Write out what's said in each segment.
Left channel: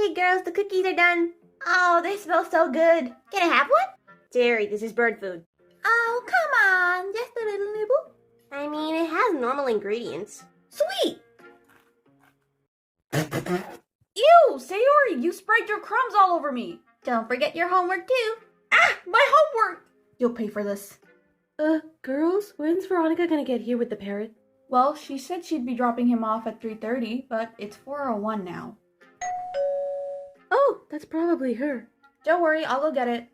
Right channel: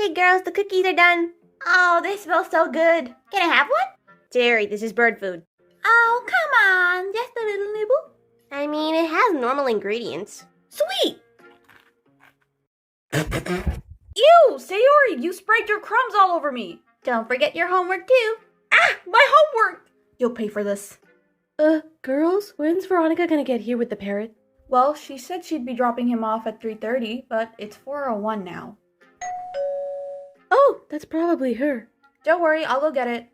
Okay, girls, the cookies are done. Oh, they smell so good. Can I have one? Jerry, this is bird food. Oh, come on. Just a little nibble. I mean, it has normal ingredients. Sweet. Ew, Sayori, you sprayed your crumbs all over me. Don't forget your homework too. Ah, my homework. You'll pay for this. Girls, when's Veronica gonna get here with the parrot? Well, she said she'd be dropping him off at 3:30, but it's 4:01 now. Oh, that's probably her. Don't worry, I'll go get it.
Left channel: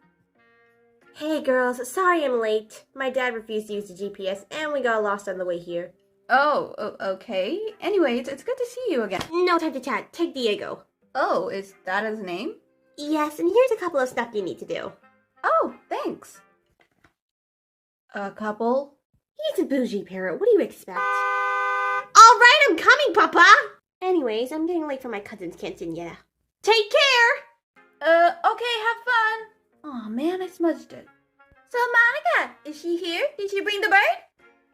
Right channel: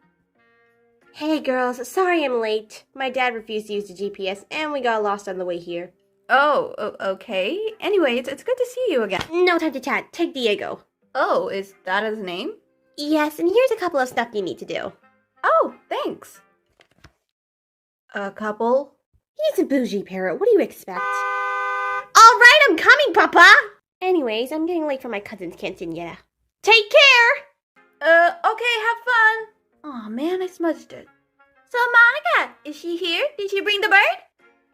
Hey, girls, sorry I'm late. My dad refused to use the GPS, and we got lost on the way here. Oh, okay. Anyways, it's good to see you again. No time to chat. Take Diego. Oh, is that his name? Yes, and here's a couple of stuff you need to do. Oh, thanks. A couple? He's a bougie parrot. What do you expect? All right, I'm coming, Papa! Anyways, I'm getting late for my cousin's quinceañera. Take care! Okay, have fun. Oh man, I smudged it. So, Monica, is she here? Did she bring the bird?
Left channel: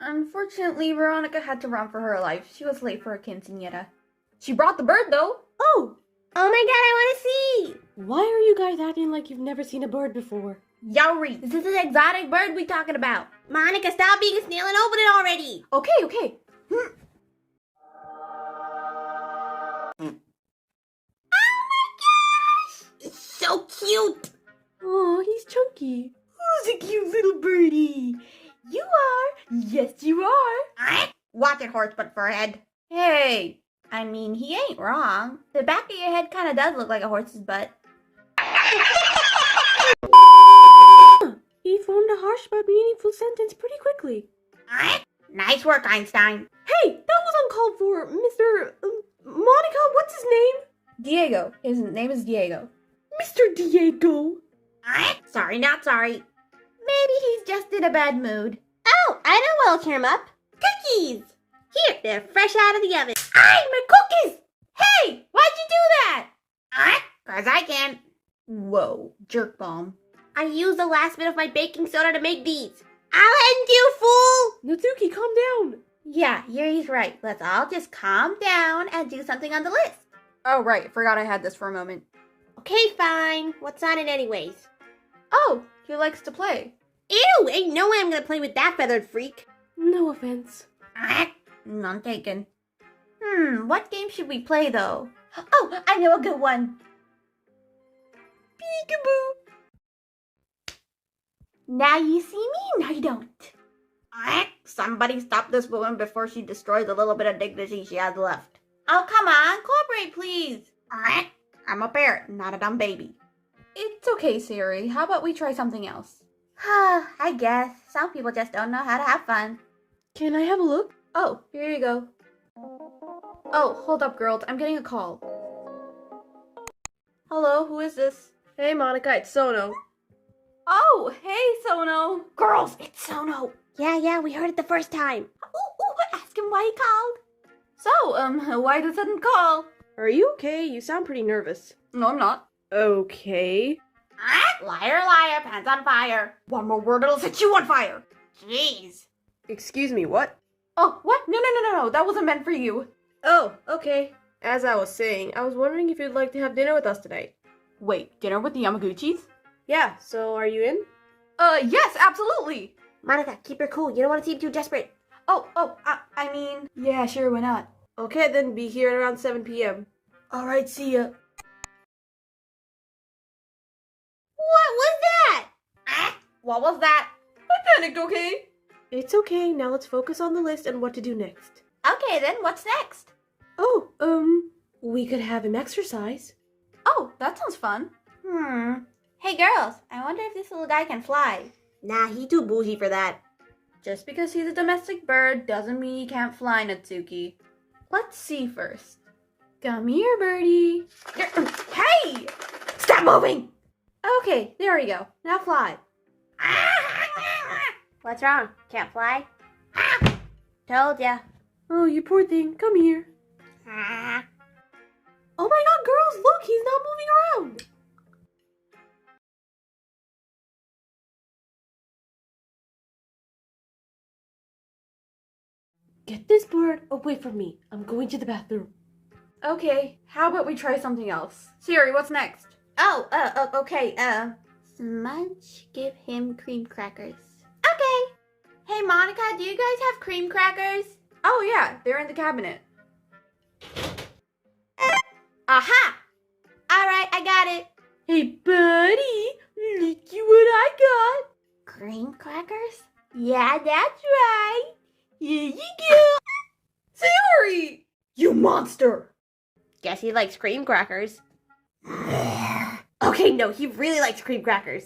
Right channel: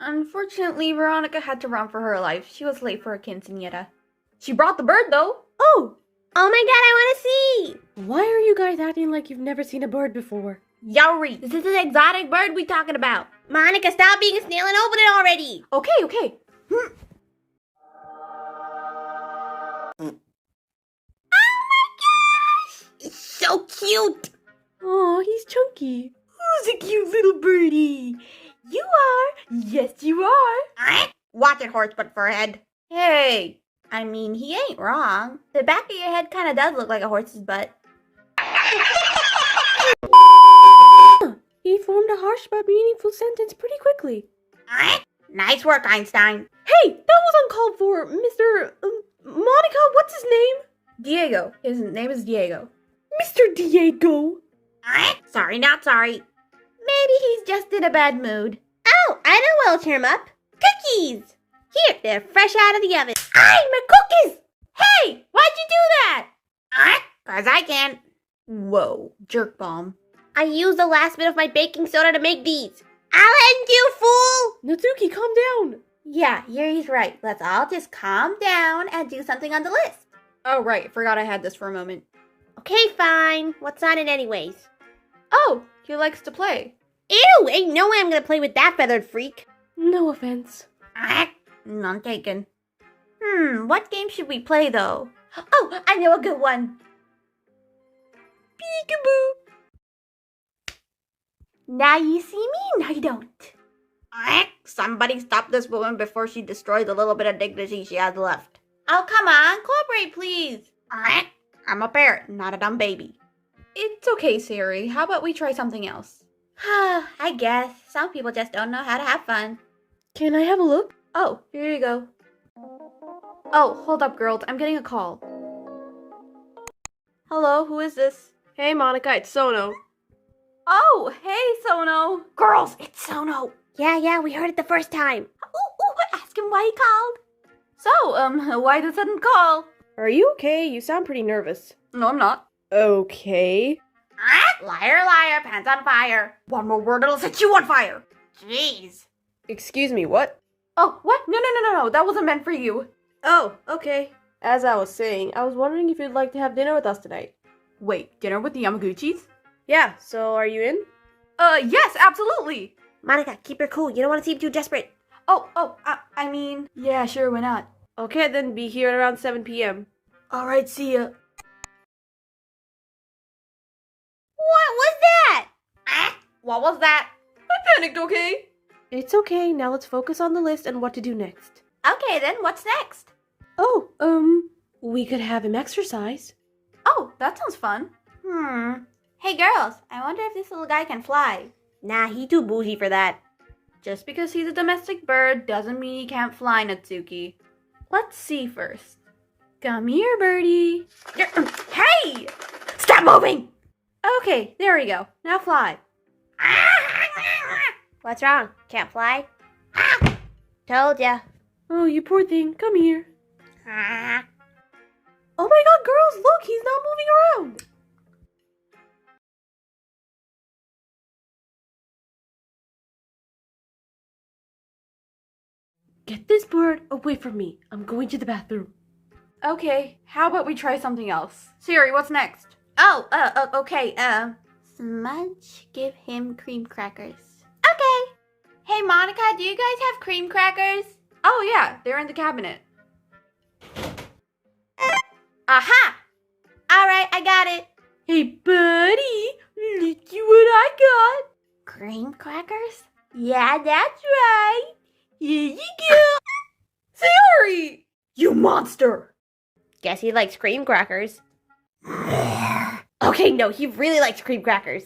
Unfortunately, Veronica had to run for her life. She was late for a quinceañera. She brought the bird, though. Oh! Oh my god, I want to see! Why are you guys acting like you've never seen a bird before? Yori, this is an exotic bird we talking about. Monica, stop being a snail and open it already! Okay. It's so cute! Oh, he's chunky. Who's a cute little birdie? You are. Yes, you are. Watch it, horse butt forehead. Hey, I mean, he ain't wrong. The back of your head kind of does look like a horse's butt. He formed a harsh but meaningful sentence pretty quickly. Nice work, Einstein. Hey, that was uncalled for, Mr. Monica, what's his name? Diego. His name is Diego. Mr. Diego. Sorry, not sorry. Maybe he's just in a bad mood. Oh, I know what'll cheer him up. Cookies! Here, they're fresh out of the oven. Ay, my cookies! Hey, why'd you do that? 'Cause I can. Whoa, jerk bomb. I used the last bit of my baking soda to make these. I'll end you, fool! Natsuki, calm down. Yeah, Yuri's right. Let's all just calm down and do something on the list. Oh, right. Forgot I had this for a moment. Okay, fine. What's on it anyways? Oh, he likes to play. Ew! Ain't no way I'm gonna play with that feathered freak. No offense. None taken. What game should we play, though? Oh, I know a good one. Peekaboo. Now you see me, now you don't. Somebody stop this woman before she destroys the little bit of dignity she has left. Oh, come on. Cooperate, please. I'm a parrot, not a dumb baby. It's okay, Siri. How about we try something else? I guess. Some people just don't know how to have fun. Can I have a look? Oh, here you go. Oh, hold up, girls. I'm getting a call. Hello, who is this? Hey, Monica, it's Sono. Oh, hey, Sono. Girls, it's Sono. Yeah, we heard it the first time. Ooh, ask him why he called. So, why the sudden call? Are you okay? You sound pretty nervous. No, I'm not. Okay. Liar, pants on fire. One more word, it'll set you on fire. Jeez. Excuse me, what? Oh, what? No, that wasn't meant for you. Oh, okay. As I was saying, I was wondering if you'd like to have dinner with us tonight. Wait, dinner with the Yamaguchis? Yeah, so are you in? Yes, absolutely. Monica, keep her cool. You don't want to seem too desperate. I mean, yeah, sure, why not? Okay, then be here at around 7 p.m. Alright, see ya. What was that? What was that? I panicked, okay? It's okay, now let's focus on the list and what to do next. Okay, then, what's next? Oh, we could have him exercise. Oh, that sounds fun. Hey, girls, I wonder if this little guy can fly. Nah, he too bougie for that. Just because he's a domestic bird doesn't mean he can't fly, Natsuki. Let's see first. Come here, birdie. Hey! Stop moving! Okay, there we go. Now fly. What's wrong? Can't fly? Told ya. Oh, you poor thing. Come here. Oh my god, girls, look, he's not moving around. Get this bird away from me. I'm going to the bathroom. Okay, how about we try something else? Siri, what's next? Oh, okay, Smudge, give him cream crackers. Okay. Hey, Monica, do you guys have cream crackers? Oh, yeah, they're in the cabinet. Aha! Alright, I got it. Hey, buddy, look at what I got. Cream crackers? Yeah, that's right. Here you go. Siri! You monster! Guess he likes cream crackers. Okay, no, he really likes cream crackers.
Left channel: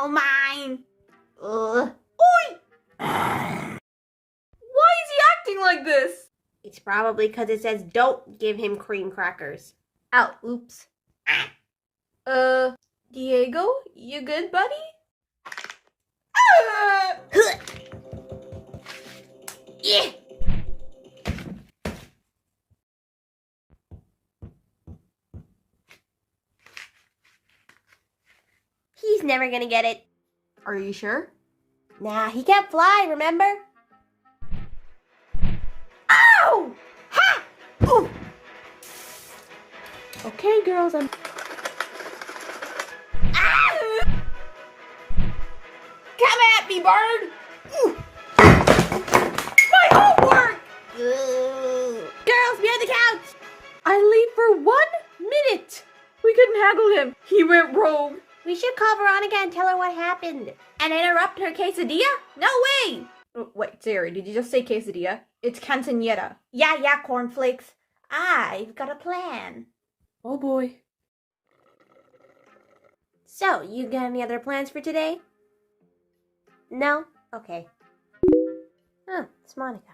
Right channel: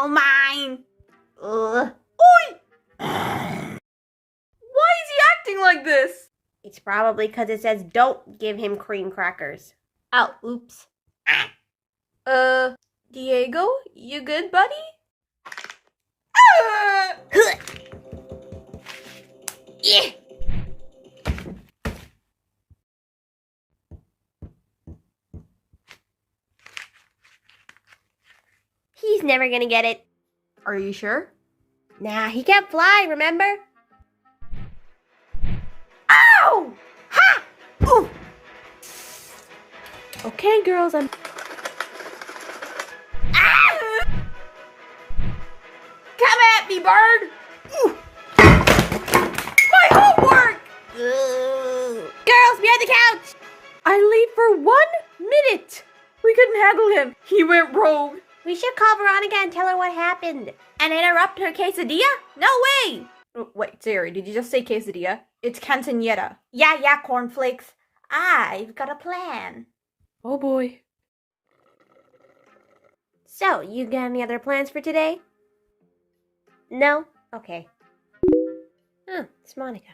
Oh, mine. Ugh. Oi! Why is he acting like this? It's probably because it says don't give him cream crackers. Oh, oops. Diego, you good, buddy? Yeah. He's never gonna get it. Are you sure? Nah, he can't fly, remember? Ow! Ha! Ooh. Okay, girls, I'm... Ah! Come at me, bird! Ooh. My homework! Girls, behind the couch! I leave for 1 minute! We couldn't handle him. He went rogue. We should call Veronica and tell her what happened. And interrupt her quesadilla? No way! Wait, Siri, did you just say quesadilla? It's cantonetta. Yeah, cornflakes. I've got a plan. Oh boy. So, you got any other plans for today? No? Okay. Oh, it's Monica.